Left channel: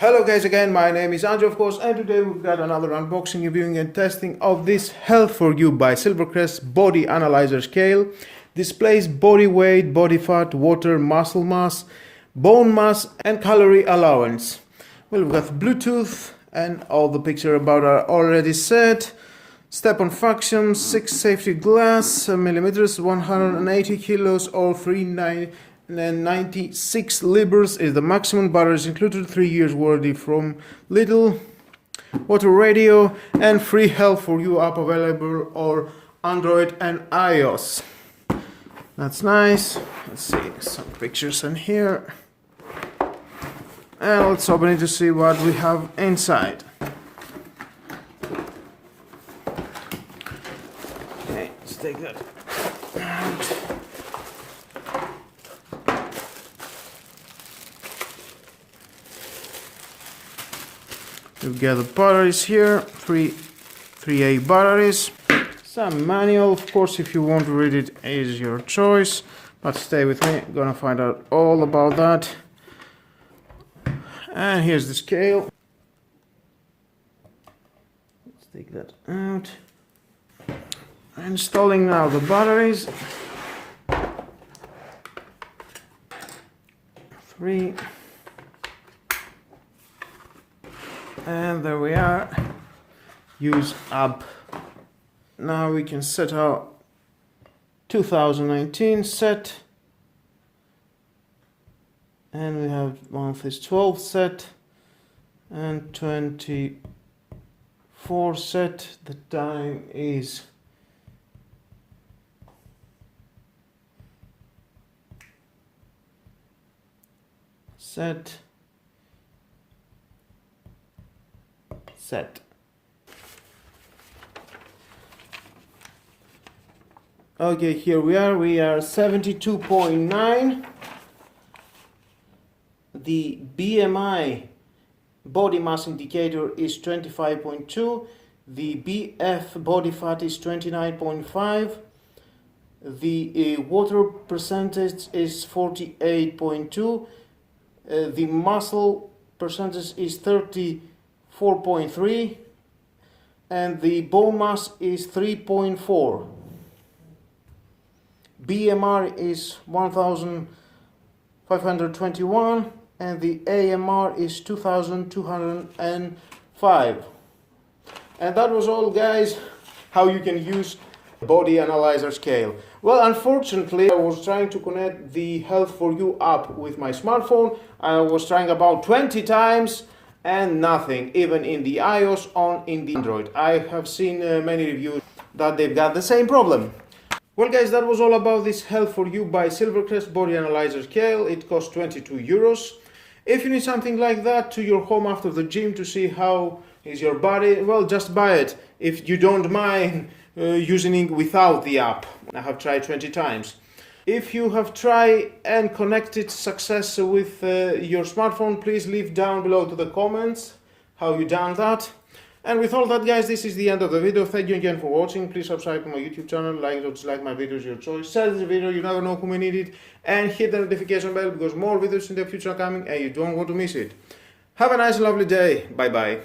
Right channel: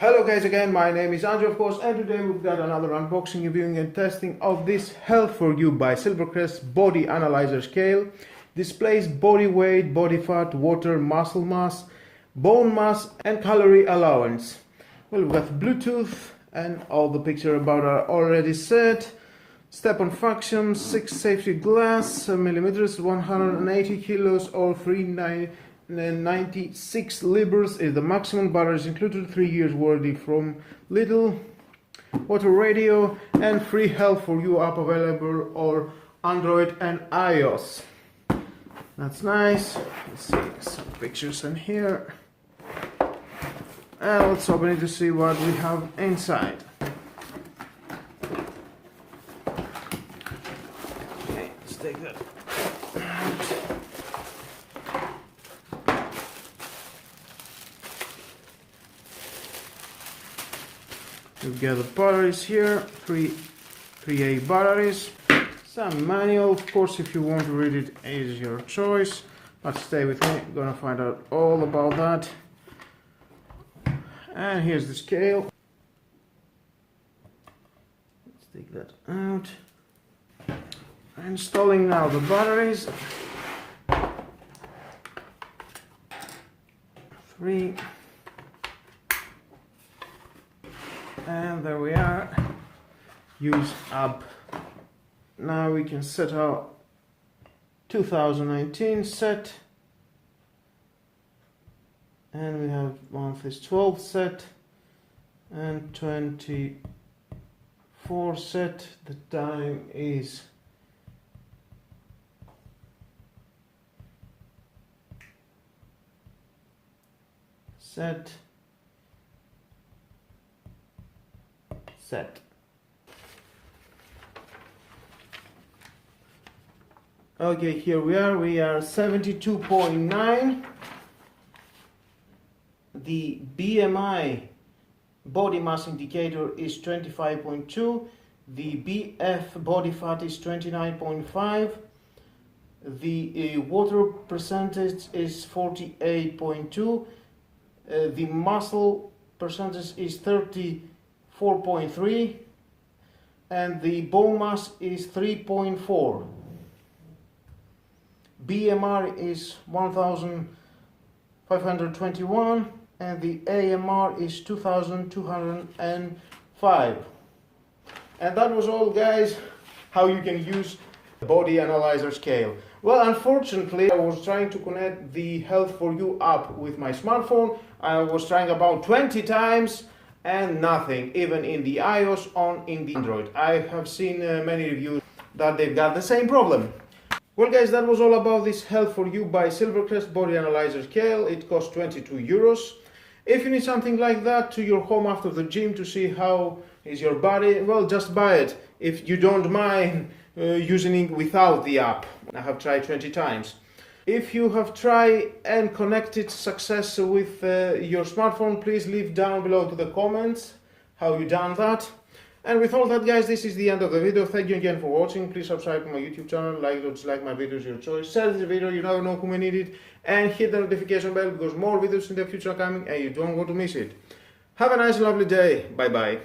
Hello guys again, my name is Andrew of course, and today we've got another unboxing, reviewing and testing of this Health For You by Silvercrest Body Analyzer Scale. Displays body weight, body fat, water, muscle mass, bone mass and calorie allowance. Well, we've got Bluetooth and all the pictures about are already set. Step on function, 6 safety glass, millimeters, 180 kilos or 396 libras is the maximum. Batteries included, 3 years warranty from Lidl. Water radio and free Health For You app available or Android and iOS. That's nice. Let's see some pictures in here. And let's open it to see what we have inside. Okay, let's take that out. We've got the batteries here, 3A batteries. Some manual, of course, if you want to read it is your choice, but stay with me, I'm gonna find out all about that. And here's the scale. Let's take that out. Installing now the batteries. 3. And there we are. Use app. Now we can set our 2019 set. And we have month is 12 set and 24 set. The time is set. Okay, here we are 72.9. The BMI body mass indicator is 25.2. The BF body fat is 29.5. The water percentage is 48.2. The muscle percentage is 34.3. And the bone mass is 3.4. BMR is 1521 and the AMR is 2205. And that was all, guys, how you can use Body Analyzer Scale. Well, unfortunately, I was trying to connect the Health For You app with my smartphone. I was trying about 20 times and nothing, even in the iOS or in the Android. I have seen many reviews that they've got the same problem. Well guys, that was all about this Health For You by Silvercrest Body Analyzer Scale. It costs 22 euros. If you need something like that to your home after the gym to see how is your body, well, just buy it. If you don't mind using it without the app. I have tried 20 times. If you have tried and connected success with your smartphone, please leave down below to the comments how you done that. And with all that, guys, this is the end of the video. Thank you again for watching. Please subscribe to my YouTube channel, like or dislike my videos, your choice. Share this video, you never know who may need it. And hit the notification bell because more videos in the future are coming and you don't want to miss it. Have a nice and lovely day. Bye bye.